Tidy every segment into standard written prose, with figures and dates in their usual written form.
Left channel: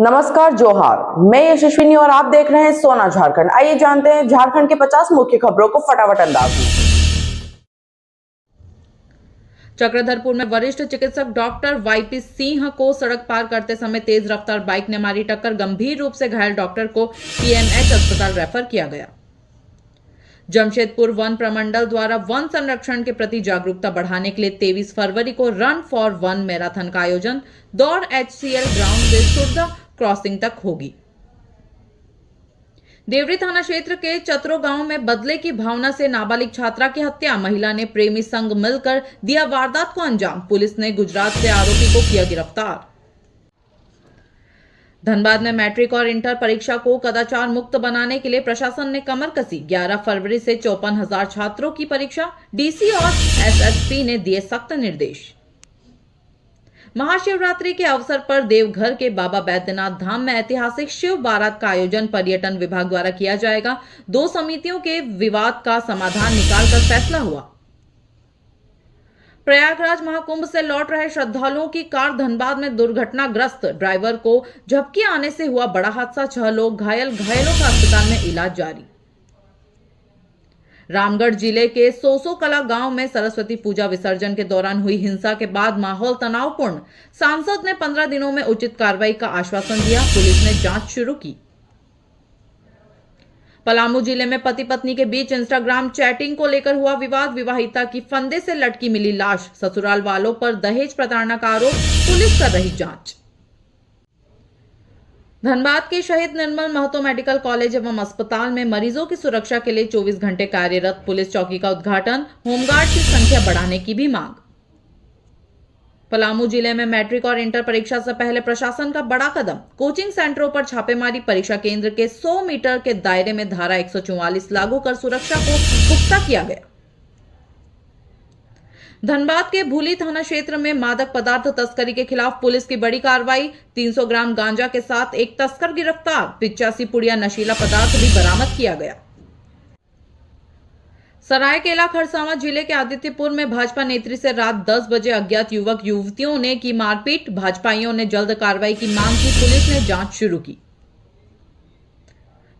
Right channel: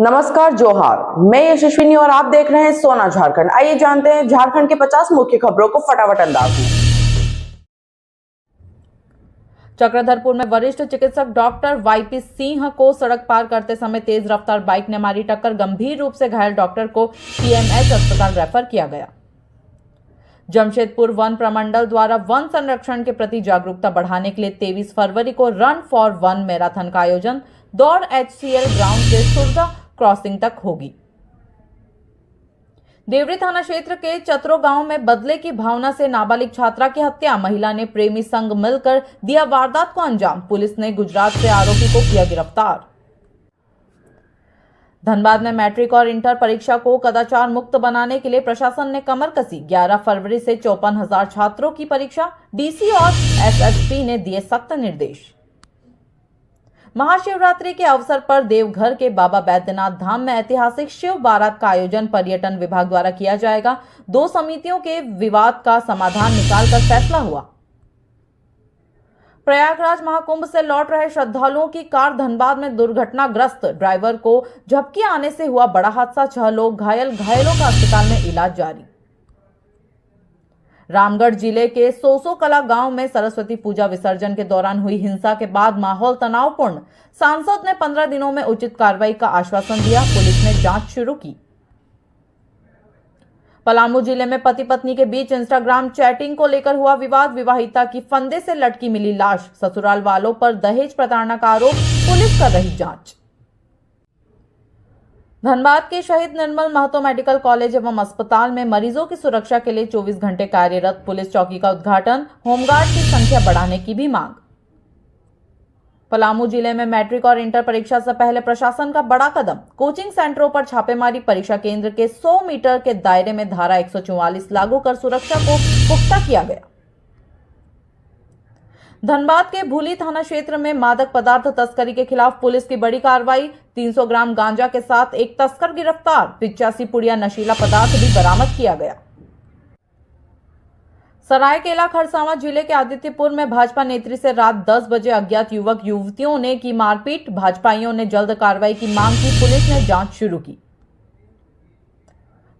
नमस्कार, जोहार। मैं यशस्विनी और आप देख रहे हैं सोना झारखंड। आइए जानते हैं झारखंड के 50 मुख्य खबरों को फटाफट अंदाज में। चक्रधरपुर में वरिष्ठ चिकित्सक डॉक्टर वाईपी सिंह को सड़क पार करते समय तेज रफ्तार बाइक ने मारी टक्कर। गंभीर रूप से घायल डॉक्टर को पीएमएच अस्पताल रेफर किया गया। जमशेदपुर वन प्रमंडल द्वारा वन संरक्षण के प्रति जागरूकता बढ़ाने के लिए 23 फरवरी को रन फॉर वन मैराथन का आयोजन दौड़ एचसीएल ग्राउंड से सुरदा क्रॉसिंग तक होगी। देवरी थाना क्षेत्र के चतरो गांव में बदले की भावना से नाबालिग छात्रा की हत्या। महिला ने प्रेमी संग मिलकर दिया वारदात को अंजाम। पुलिस ने गुजरात से आरोपी को किया गिरफ्तार। धनबाद में मैट्रिक और इंटर परीक्षा को कदाचार मुक्त बनाने के लिए प्रशासन ने कमर कसी। 11 फरवरी से 54,000 छात्रों की परीक्षा। डीसी और एसएसपी ने दिए सख्त निर्देश। महाशिवरात्रि के अवसर पर देवघर के बाबा बैद्यनाथ धाम में ऐतिहासिक शिव बारात का आयोजन पर्यटन विभाग द्वारा किया जाएगा। 2 समितियों के विवाद का समाधान निकालकर फैसला हुआ। प्रयागराज महाकुंभ से लौट रहे श्रद्धालुओं की कार धनबाद में दुर्घटनाग्रस्त। ड्राइवर को झपकी आने से हुआ बड़ा हादसा। 6 लोग घायल। घायलों का अस्पताल में इलाज जारी। रामगढ़ जिले के सोसो कला गांव में सरस्वती पूजा विसर्जन के दौरान हुई हिंसा के बाद माहौल तनावपूर्ण। सांसद ने 15 दिनों में उचित कार्रवाई का आश्वासन दिया। पुलिस ने जांच शुरू की। पलामू जिले में पति पत्नी के बीच इंस्टाग्राम चैटिंग को लेकर हुआ विवाद। विवाहिता की फंदे से लटकी मिली लाश। ससुराल वालों पर दहेज प्रताड़ना का आरोप। पुलिस कर रही जांच। धनबाद के शहीद निर्मल महतो मेडिकल कॉलेज एवं अस्पताल में मरीजों की सुरक्षा के लिए 24 घंटे कार्यरत पुलिस चौकी का उद्घाटन। होमगार्ड की संख्या बढ़ाने की भी मांग। पलामू जिले में मैट्रिक और इंटर परीक्षा से पहले प्रशासन का बड़ा कदम। कोचिंग सेंटरों पर छापेमारी। परीक्षा केंद्र के 100 मीटर के दायरे में धारा 144 लागू कर सुरक्षा को पुख्ता किया गया। धनबाद के भूली थाना क्षेत्र में मादक पदार्थ तस्करी के खिलाफ पुलिस की बड़ी कार्रवाई। 300 ग्राम गांजा के साथ एक तस्कर गिरफ्तार। 85 पुड़िया नशीला पदार्थ भी बरामद किया गया। सरायकेला खरसावां जिले के आदित्यपुर में भाजपा नेत्री से रात 10 बजे अज्ञात युवक युवतियों ने की मारपीट। भाजपाइयों ने जल्द कार्रवाई की मांग की। पुलिस ने जांच शुरू की।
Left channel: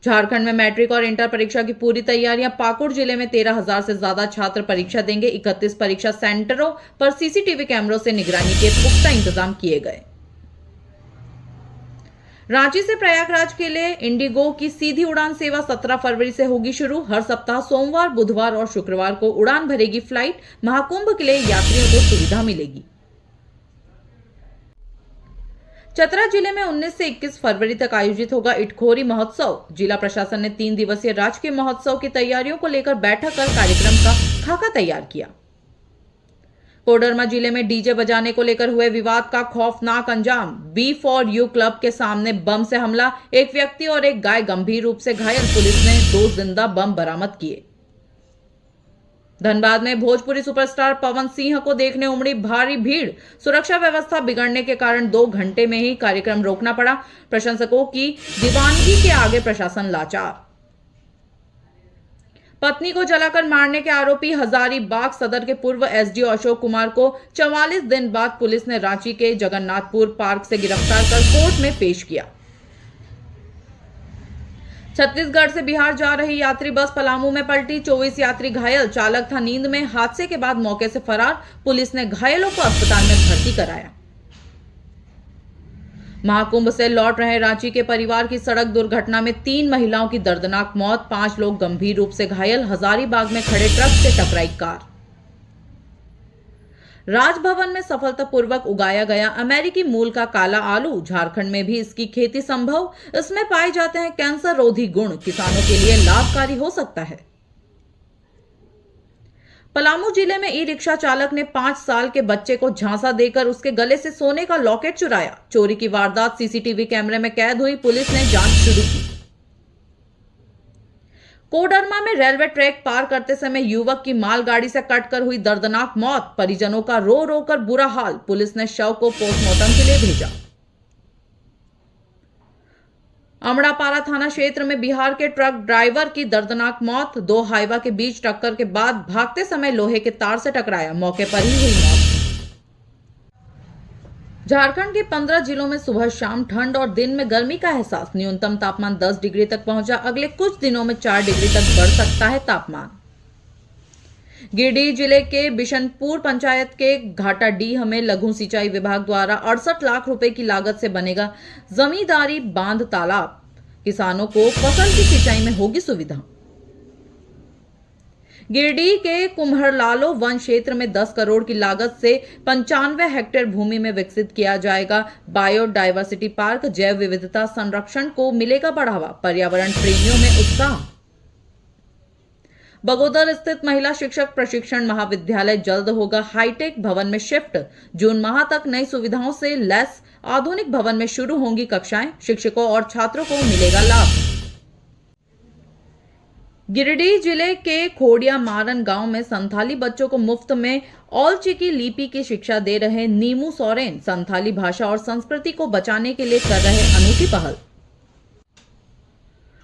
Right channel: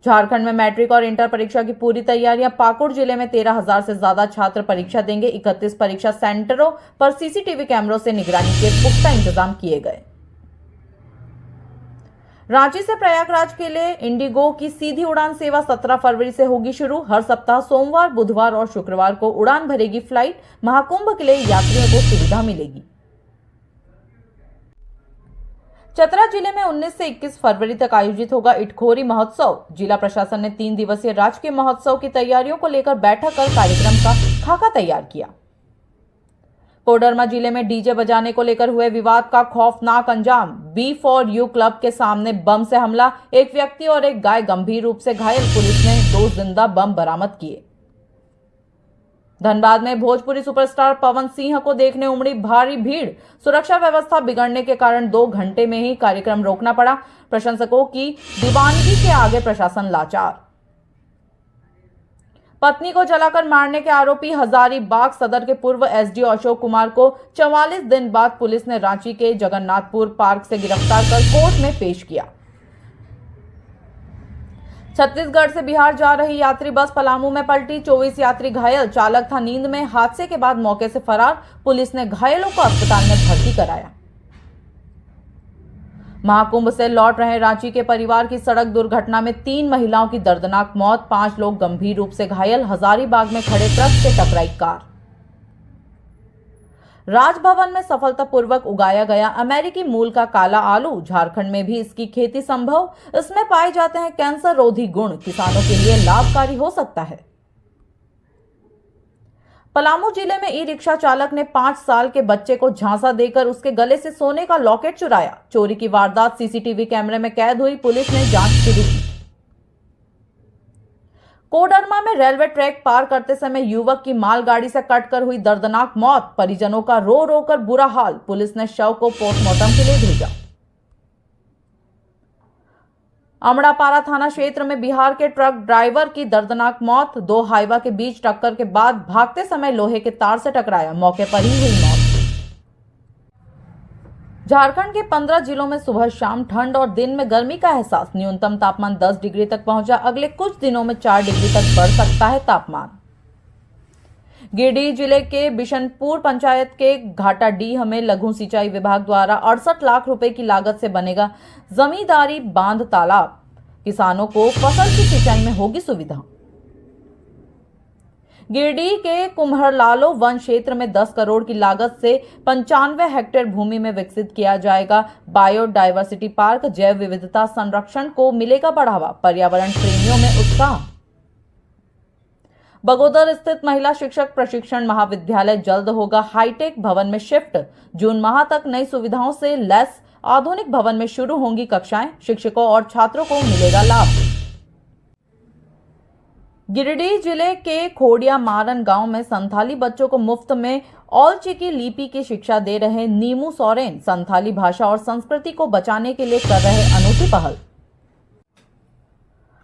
झारखंड में मैट्रिक और इंटर परीक्षा की पूरी तैयारियां। पाकुड़ जिले में 13,000 से ज्यादा छात्र परीक्षा देंगे। 31 परीक्षा सेंटरों पर सीसीटीवी कैमरों से निगरानी के पुख्ता इंतजाम किए गए। रांची से प्रयागराज के लिए इंडिगो की सीधी उड़ान सेवा 17 फरवरी से होगी शुरू। हर सप्ताह सोमवार, बुधवार और शुक्रवार को उड़ान भरेगी फ्लाइट। महाकुंभ के लिए यात्रियों को सुविधा मिलेगी। चतरा जिले में 19 से 21 फरवरी तक आयोजित होगा इटखोरी महोत्सव। जिला प्रशासन ने 3 दिवसीय राजकीय महोत्सव की तैयारियों को लेकर बैठक कर कार्यक्रम का खाका तैयार किया। कोडरमा जिले में डीजे बजाने को लेकर हुए विवाद का खौफनाक अंजाम। B4U क्लब के सामने बम से हमला। एक व्यक्ति और एक गाय गंभीर रूप से घायल। पुलिस ने 2 जिंदा बम बरामद किए। धनबाद में भोजपुरी सुपरस्टार पवन सिंह को देखने उमड़ी भारी भीड़। सुरक्षा व्यवस्था बिगड़ने के कारण 2 घंटे में ही कार्यक्रम रोकना पड़ा। प्रशंसकों की दीवानगी के आगे प्रशासन लाचार। पत्नी को जलाकर मारने के आरोपी हजारीबाग सदर के पूर्व एसडीओ अशोक कुमार को 44 दिन बाद पुलिस ने रांची के जगन्नाथपुर पार्क से गिरफ्तार कर कोर्ट में पेश किया। छत्तीसगढ़ से बिहार जा रही यात्री बस पलामू में पलटी। 24 यात्री घायल। चालक था नींद में। हादसे के बाद मौके से फरार। पुलिस ने घायलों को अस्पताल में भर्ती कराया। महाकुंभ से लौट रहे रांची के परिवार की सड़क दुर्घटना में 3 महिलाओं की दर्दनाक मौत। 5 लोग गंभीर रूप से घायल। हजारीबाग में खड़े ट्रक से टकराई कार। राजभवन में सफलतापूर्वक उगाया गया अमेरिकी मूल का काला आलू। झारखंड में भी इसकी खेती संभव। इसमें पाए जाते हैं कैंसर रोधी गुण। किसानों के लिए लाभकारी हो सकता है। पलामू जिले में ई रिक्शा चालक ने 5 साल के बच्चे को झांसा देकर उसके गले से सोने का लॉकेट चुराया। चोरी की वारदात सीसीटीवी कैमरे में कैद हुई। पुलिस ने जांच शुरू की। कोडरमा में रेलवे ट्रैक पार करते समय युवक की मालगाड़ी से कटकर हुई दर्दनाक मौत। परिजनों का रो रो कर बुरा हाल। पुलिस ने शव को पोस्टमार्टम के लिए भेजा। अमड़ापारा थाना क्षेत्र में बिहार के ट्रक ड्राइवर की दर्दनाक मौत। 2 हाईवा के बीच टक्कर के बाद भागते समय लोहे के तार से टकराया। मौके पर ही हुई मौत। झारखंड के 15 जिलों में सुबह शाम ठंड और दिन में गर्मी का एहसास। न्यूनतम तापमान 10 डिग्री तक पहुंचा। अगले कुछ दिनों में 4 डिग्री तक बढ़ सकता है तापमान। गिरिडीह जिले के बिशनपुर पंचायत के घाटाडीह में लघु सिंचाई विभाग द्वारा 68 लाख रुपए की लागत से बनेगा जमींदारी बांध तालाब। किसानों को फसल की सिंचाई में होगी सुविधा। गिरिडीह के कुम्हरलालो वन क्षेत्र में 10 करोड़ की लागत से 95 हेक्टेयर भूमि में विकसित किया जाएगा बायोडायवर्सिटी पार्क। जैव विविधता संरक्षण को मिलेगा बढ़ावा। पर्यावरण प्रेमियों में उत्साह। बगोदर स्थित महिला शिक्षक प्रशिक्षण महाविद्यालय जल्द होगा हाईटेक भवन में शिफ्ट। जून माह तक नई सुविधाओं से लैस आधुनिक भवन में शुरू होंगी कक्षाएं। शिक्षकों और छात्रों को मिलेगा लाभ। गिरिडीह जिले के खोडिया मारन गांव में संथाली बच्चों को मुफ्त में औलचिकी लिपि की शिक्षा दे रहे नीमू सोरेन संथाली भाषा और संस्कृति को बचाने के लिए कर रहे अनूठी पहल।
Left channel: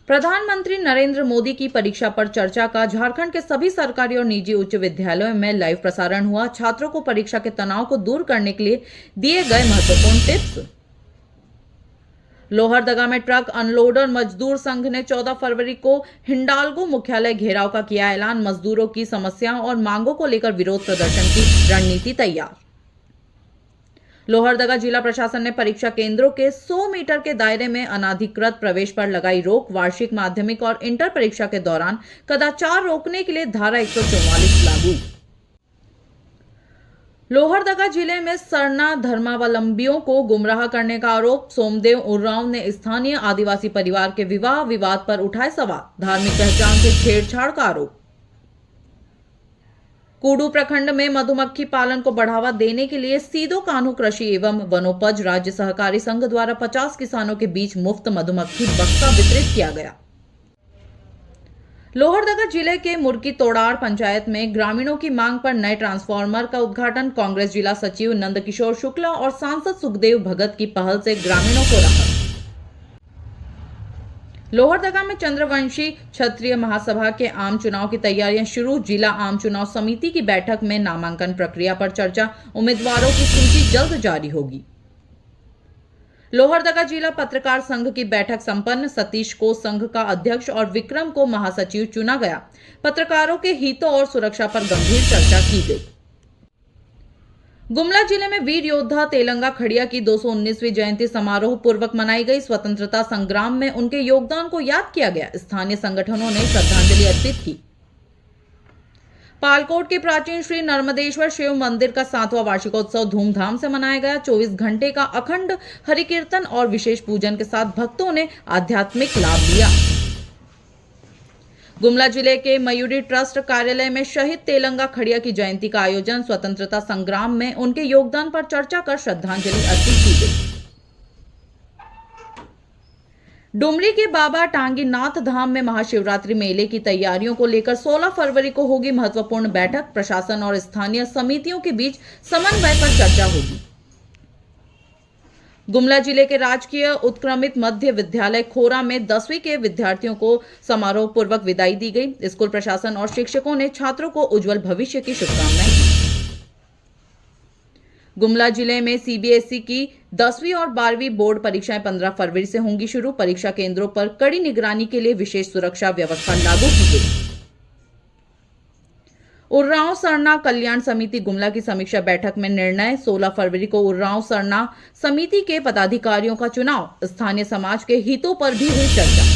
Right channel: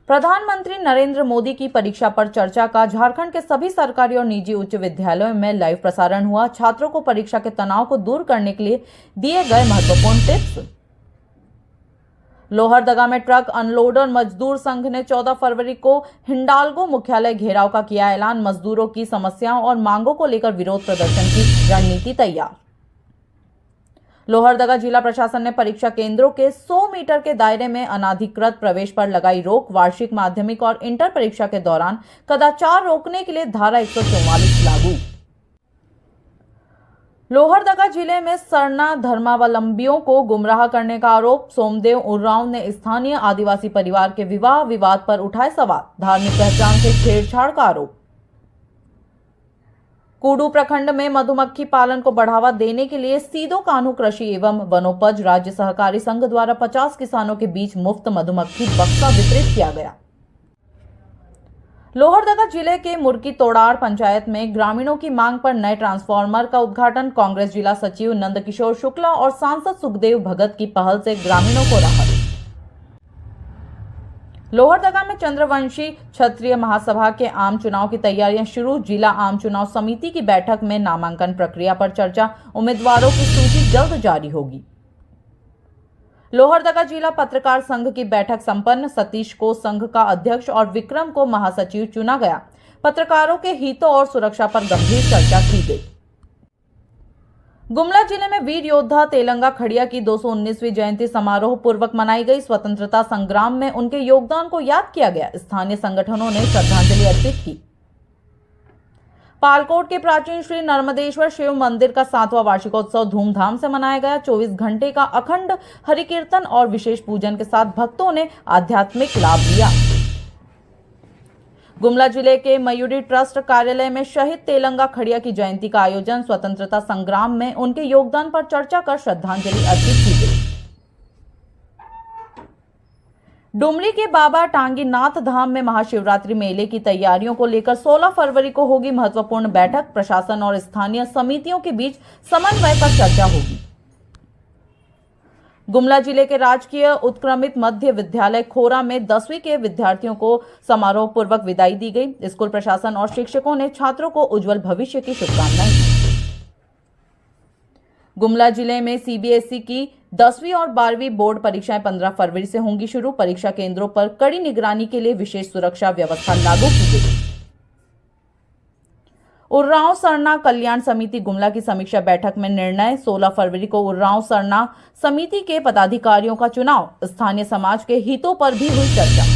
प्रधानमंत्री नरेंद्र मोदी की परीक्षा पर चर्चा का झारखंड के सभी सरकारी और निजी उच्च विद्यालयों में लाइव प्रसारण हुआ। छात्रों को परीक्षा के तनाव को दूर करने के लिए दिए गए महत्वपूर्ण टिप्स। लोहरदगा में ट्रक अनलोडर मजदूर संघ ने 14 फरवरी को हिंडाल्गो मुख्यालय घेराव का किया ऐलान। मजदूरों की समस्याओं और मांगों को लेकर विरोध प्रदर्शन की रणनीति तैयार। लोहरदगा जिला प्रशासन ने परीक्षा केंद्रों के 100 मीटर के दायरे में अनाधिकृत प्रवेश पर लगाई रोक। वार्षिक माध्यमिक और इंटर परीक्षा के दौरान कदाचार रोकने के लिए धारा 144 लागू। लोहरदगा जिले में सरना धर्मावलंबियों को गुमराह करने का आरोप। सोमदेव उर्रांव ने स्थानीय आदिवासी परिवार के विवाह विवाद पर उठाए सवाल। धार्मिक पहचान से छेड़छाड़ का आरोप। कुडू प्रखंड में मधुमक्खी पालन को बढ़ावा देने के लिए सीदो कान्हू कृषि एवं वनोपज राज्य सहकारी संघ द्वारा 50 किसानों के बीच मुफ्त मधुमक्खी बक्सा वितरित किया गया। लोहरदगा जिले के मुर्की तोड़ार पंचायत में ग्रामीणों की मांग पर नए ट्रांसफार्मर का उद्घाटन। कांग्रेस जिला सचिव नंदकिशोर शुक्ला और सांसद सुखदेव भगत की पहल से ग्रामीणों को राहत। लोहरदगा में चंद्रवंशी क्षत्रिय महासभा के आम चुनाव की तैयारियां शुरू। जिला आम चुनाव समिति की बैठक में नामांकन प्रक्रिया पर चर्चा। उम्मीदवारों की सूची जल्द जारी होगी। लोहरदगा जिला पत्रकार संघ की बैठक संपन्न। सतीश को संघ का अध्यक्ष और विक्रम को महासचिव चुना गया। पत्रकारों के हितों और सुरक्षा पर गंभीर चर्चा की गई। गुमला जिले में वीर योद्धा तेलंगा खड़िया की 219वीं जयंती समारोह पूर्वक मनाई गई। स्वतंत्रता संग्राम में उनके योगदान को याद किया गया। स्थानीय संगठनों ने श्रद्धांजलि अर्पित की। पालकोट के प्राचीन श्री नर्मदेश्वर शिव मंदिर का 7वां वार्षिकोत्सव धूमधाम से मनाया गया। 24 घंटे का अखंड हरिकीर्तन और विशेष पूजन के साथ भक्तों ने आध्यात्मिक लाभ लिया। गुमला जिले के मयूरी ट्रस्ट कार्यालय में शहीद तेलंगा खड़िया की जयंती का आयोजन। स्वतंत्रता संग्राम में उनके योगदान पर चर्चा कर श्रद्धांजलि अर्पित की गई। डुमरी के बाबा टांगीनाथ धाम में महाशिवरात्रि मेले की तैयारियों को लेकर 16 फरवरी को होगी महत्वपूर्ण बैठक। प्रशासन और स्थानीय समितियों के बीच समन्वय पर चर्चा होगी। गुमला जिले के राजकीय उत्क्रमित मध्य विद्यालय खोरा में 10वीं के विद्यार्थियों को समारोह पूर्वक विदाई दी गई। स्कूल प्रशासन और शिक्षकों ने छात्रों को उज्जवल भविष्य की शुभकामनाएं दी। गुमला जिले में सीबीएसई की 10वीं और 12वीं बोर्ड परीक्षाएं 15 फरवरी से होंगी शुरू। परीक्षा केंद्रों पर कड़ी निगरानी के लिए विशेष सुरक्षा व्यवस्था लागू की गई। उर्रांव सरना कल्याण समिति गुमला की समीक्षा बैठक में निर्णय। 16 फरवरी को उर्रांव सरना समिति के पदाधिकारियों का चुनाव। स्थानीय समाज के हितों पर भी हुई चर्चा।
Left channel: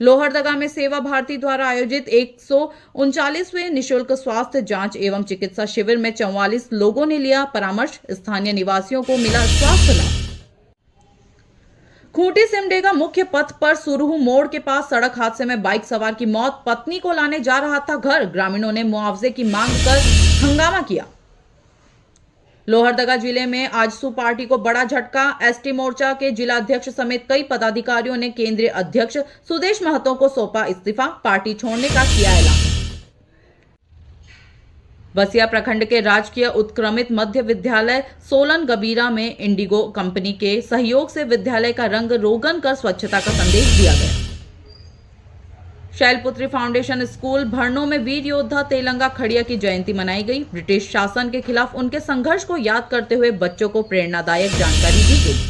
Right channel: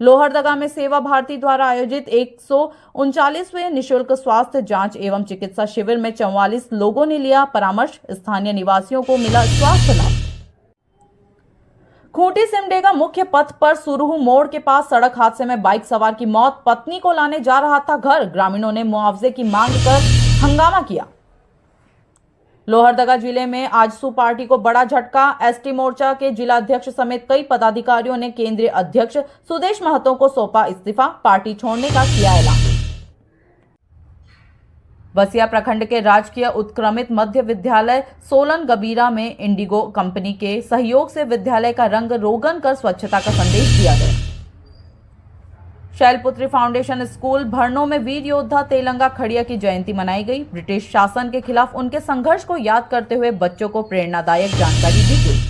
लोहरदगा में सेवा भारती द्वारा आयोजित 139वें निःशुल्क स्वास्थ्य जांच एवं चिकित्सा शिविर में 44 लोगों ने लिया परामर्श। स्थानीय निवासियों को मिला स्वास्थ्य लाभ। खूंटी सिमडेगा मुख्य पथ पर सुरहू मोड़ के पास सड़क हादसे में बाइक सवार की मौत। पत्नी को लाने जा रहा था घर। ग्रामीणों ने मुआवजे की मांग कर हंगामा किया। लोहरदगा जिले में आजसू पार्टी को बड़ा झटका। एसटी मोर्चा के जिला अध्यक्ष समेत कई पदाधिकारियों ने केंद्रीय अध्यक्ष सुदेश महतो को सौंपा इस्तीफा। पार्टी छोड़ने का किया ऐलान। बसिया प्रखंड के राजकीय उत्क्रमित मध्य विद्यालय सोलन गबीरा में इंडिगो कंपनी के सहयोग से विद्यालय का रंग रोगन कर स्वच्छता का संदेश दिया गया। शैलपुत्री फाउंडेशन स्कूल भरनों में वीर योद्धा तेलंगा खड़िया की जयंती मनाई गई। ब्रिटिश शासन के खिलाफ उनके संघर्ष को याद करते हुए बच्चों को प्रेरणादायक जानकारी दी गई।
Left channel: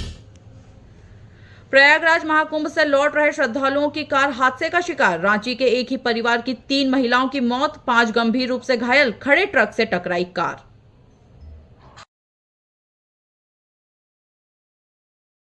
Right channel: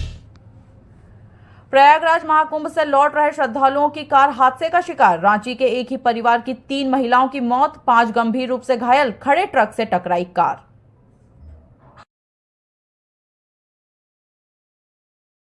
प्रयागराज महाकुंभ से लौट रहे श्रद्धालुओं की कार हादसे का शिकार। रांची के एक ही परिवार की 3 महिलाओं की मौत, 5 गंभीर रूप से घायल। खड़े ट्रक से टकराई कार।